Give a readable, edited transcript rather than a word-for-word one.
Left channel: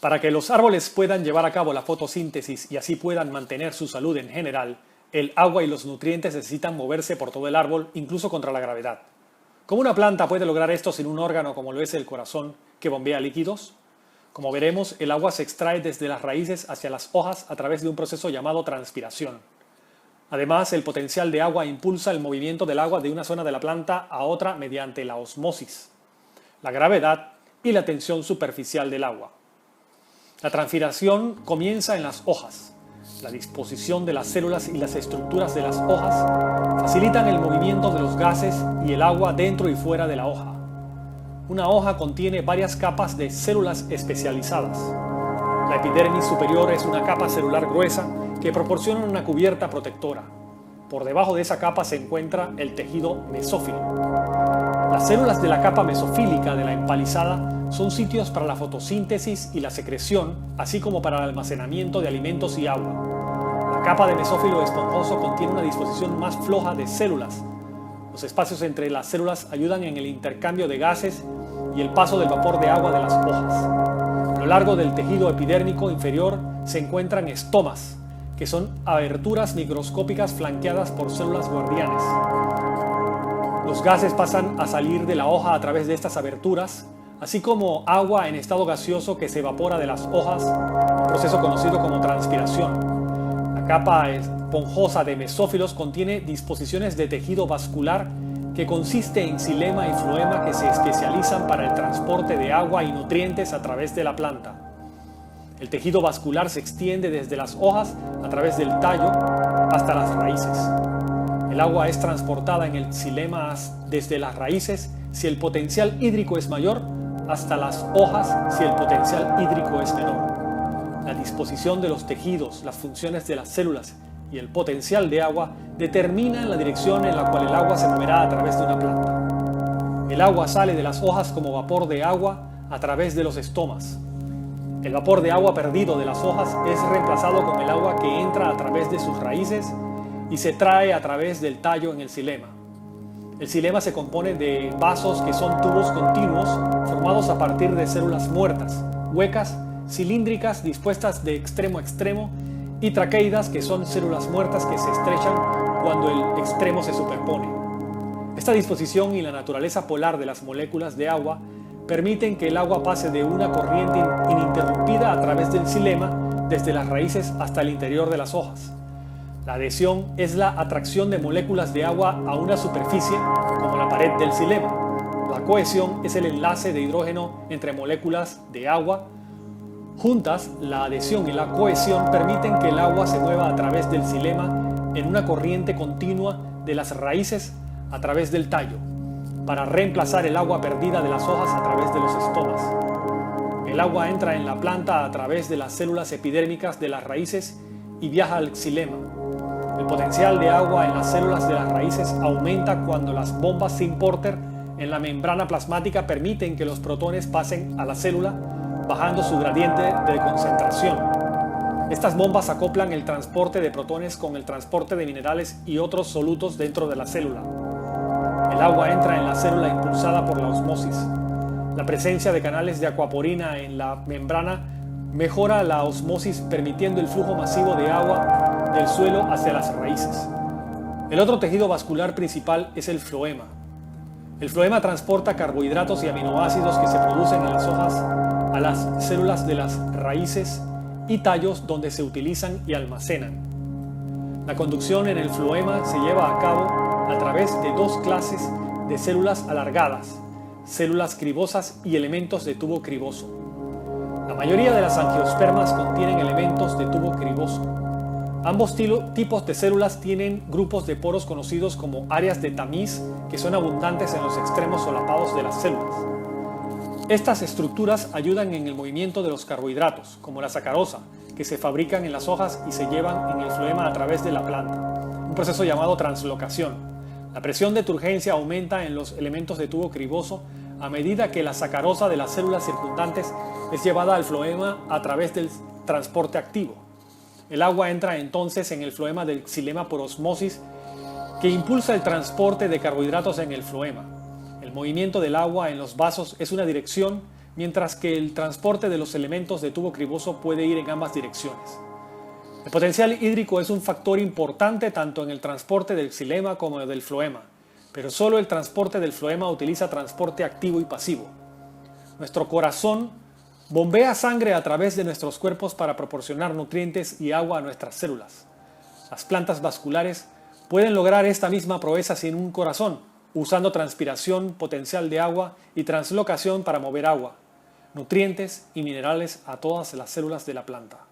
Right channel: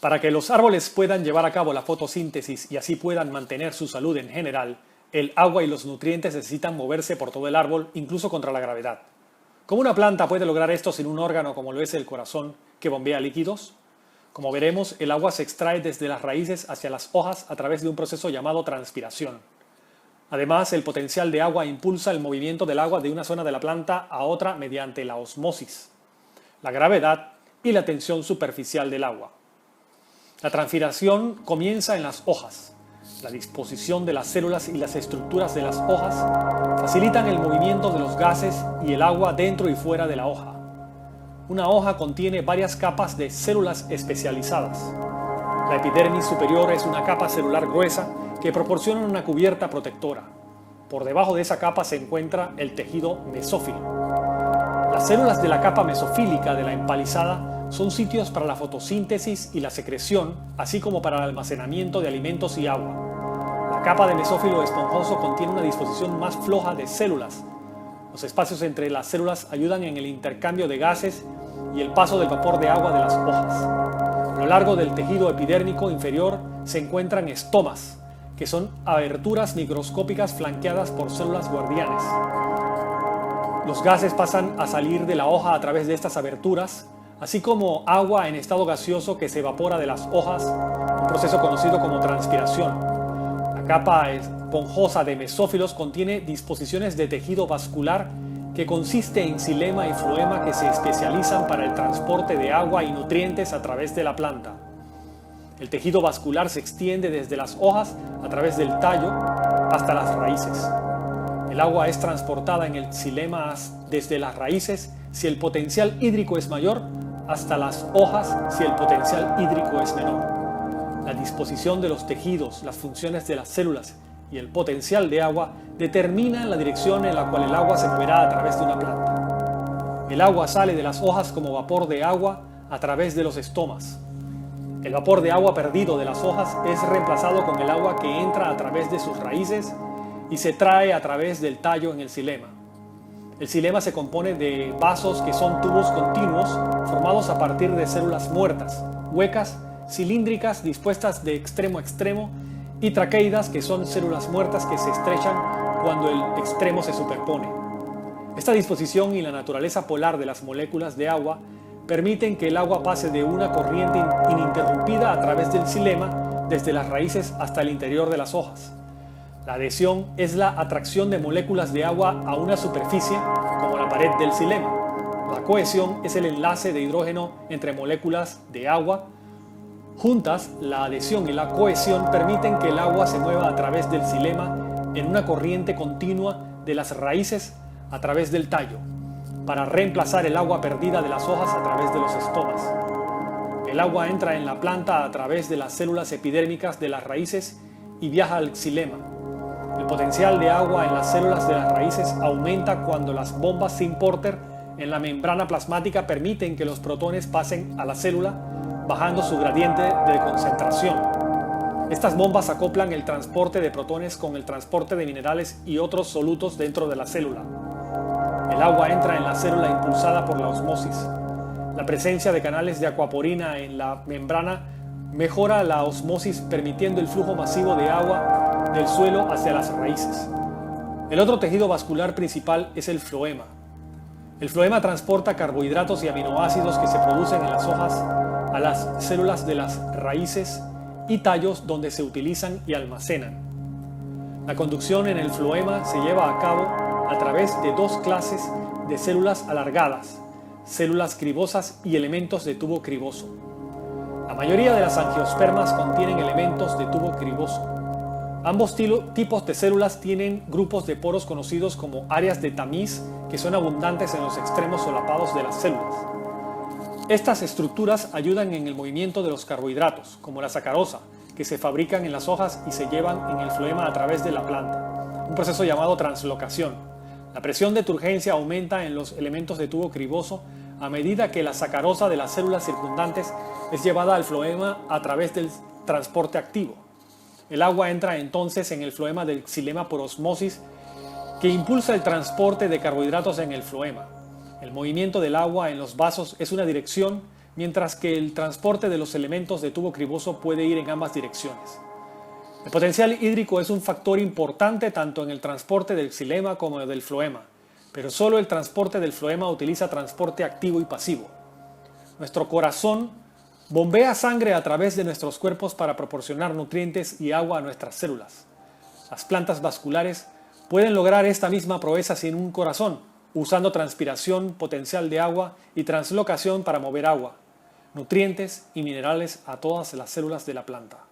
Para que los árboles puedan llevar a cabo la fotosíntesis y así puedan mantener su salud en general, el agua y los nutrientes necesitan moverse por todo el árbol, incluso contra la gravedad. ¿Cómo una planta puede lograr esto sin un órgano como lo es el corazón, que bombea líquidos? Como veremos, el agua se extrae desde las raíces hacia las hojas a través de un proceso llamado transpiración. Además, el potencial de agua impulsa el movimiento del agua de una zona de la planta a otra mediante la osmosis, la gravedad y la tensión superficial del agua. La transpiración comienza en las hojas. La disposición de las células y las estructuras de las hojas facilitan el movimiento de los gases y el agua dentro y fuera de la hoja. Una hoja contiene varias capas de células especializadas. La epidermis superior es una capa celular gruesa que proporciona una cubierta protectora. Por debajo de esa capa se encuentra el tejido mesófilo. Las células de la capa mesofílica de la empalizada son sitios para la fotosíntesis y la secreción, así como para el almacenamiento de alimentos y agua. La capa de mesófilo esponjoso contiene una disposición más floja de células. Los espacios entre las células ayudan en el intercambio de gases y el paso del vapor de agua de las hojas. A lo largo del tejido epidérmico inferior se encuentran estomas, que son aberturas microscópicas flanqueadas por células guardianes. Los gases pasan a salir de la hoja a través de estas aberturas, así como agua en estado gaseoso que se evapora de las hojas, un proceso conocido como transpiración. La capa esponjosa de mesófilos contiene disposiciones de tejido vascular que consiste en xilema y floema que se especializan para el transporte de agua y nutrientes a través de la planta. El tejido vascular se extiende desde las hojas a través del tallo hasta las raíces. El agua es transportada en el xilema desde las raíces si el potencial hídrico es mayor, hasta las hojas si el potencial hídrico es menor. La disposición de los tejidos, las funciones de las células y el potencial de agua determinan la dirección en la cual el agua se moverá a través de una planta. El agua sale de las hojas como vapor de agua a través de los estomas. El vapor de agua perdido de las hojas es reemplazado con el agua que entra a través de sus raíces y se trae a través del tallo en el xilema. El xilema se compone de vasos que son tubos continuos formados a partir de células muertas, huecas, cilíndricas dispuestas de extremo a extremo, y traqueidas, que son células muertas que se estrechan cuando el extremo se superpone. Esta disposición y la naturaleza polar de las moléculas de agua permiten que el agua pase de una corriente ininterrumpida a través del xilema desde las raíces hasta el interior de las hojas. La adhesión es la atracción de moléculas de agua a una superficie, como la pared del xilema. La cohesión es el enlace de hidrógeno entre moléculas de agua. Juntas, la adhesión y la cohesión permiten que el agua se mueva a través del xilema en una corriente continua de las raíces a través del tallo, para reemplazar el agua perdida de las hojas a través de los estomas. El agua entra en la planta a través de las células epidérmicas de las raíces y viaja al xilema. El potencial de agua en las células de las raíces aumenta cuando las bombas Sim-Porter en la membrana plasmática permiten que los protones pasen a la célula, bajando su gradiente de concentración. Estas bombas acoplan el transporte de protones con el transporte de minerales y otros solutos dentro de la célula. El agua entra en la célula impulsada por la osmosis. La presencia de canales de aquaporina en la membrana mejora la osmosis, permitiendo el flujo masivo de agua del suelo hacia las raíces. El otro tejido vascular principal es el floema. El floema transporta carbohidratos y aminoácidos que se producen en las hojas a las células de las raíces y tallos, donde se utilizan y almacenan. La conducción en el floema se lleva a cabo a través de dos clases de células alargadas, células cribosas y elementos de tubo criboso. La mayoría de las angiospermas contienen elementos de tubo criboso. Ambos tipos de células tienen grupos de poros conocidos como áreas de tamiz, que son abundantes en los extremos solapados de las células. Estas estructuras ayudan en el movimiento de los carbohidratos, como la sacarosa, que se fabrican en las hojas y se llevan en el floema a través de la planta, un proceso llamado translocación. La presión de turgencia aumenta en los elementos de tubo criboso a medida que la sacarosa de las células circundantes es llevada al floema a través del transporte activo. El agua entra entonces en el floema del xilema por osmosis, que impulsa el transporte de carbohidratos en el floema. El movimiento del agua en los vasos es una dirección mientras que el transporte de los elementos de tubo criboso puede ir en ambas direcciones. El potencial hídrico es un factor importante tanto en el transporte del xilema como del floema, pero solo el transporte del floema utiliza transporte activo y pasivo. Nuestro corazón bombea sangre a través de nuestros cuerpos para proporcionar nutrientes y agua a nuestras células. Las plantas vasculares pueden lograr esta misma proeza sin un corazón, usando transpiración potencial de agua y translocación para mover agua, nutrientes y minerales a todas las células de la planta.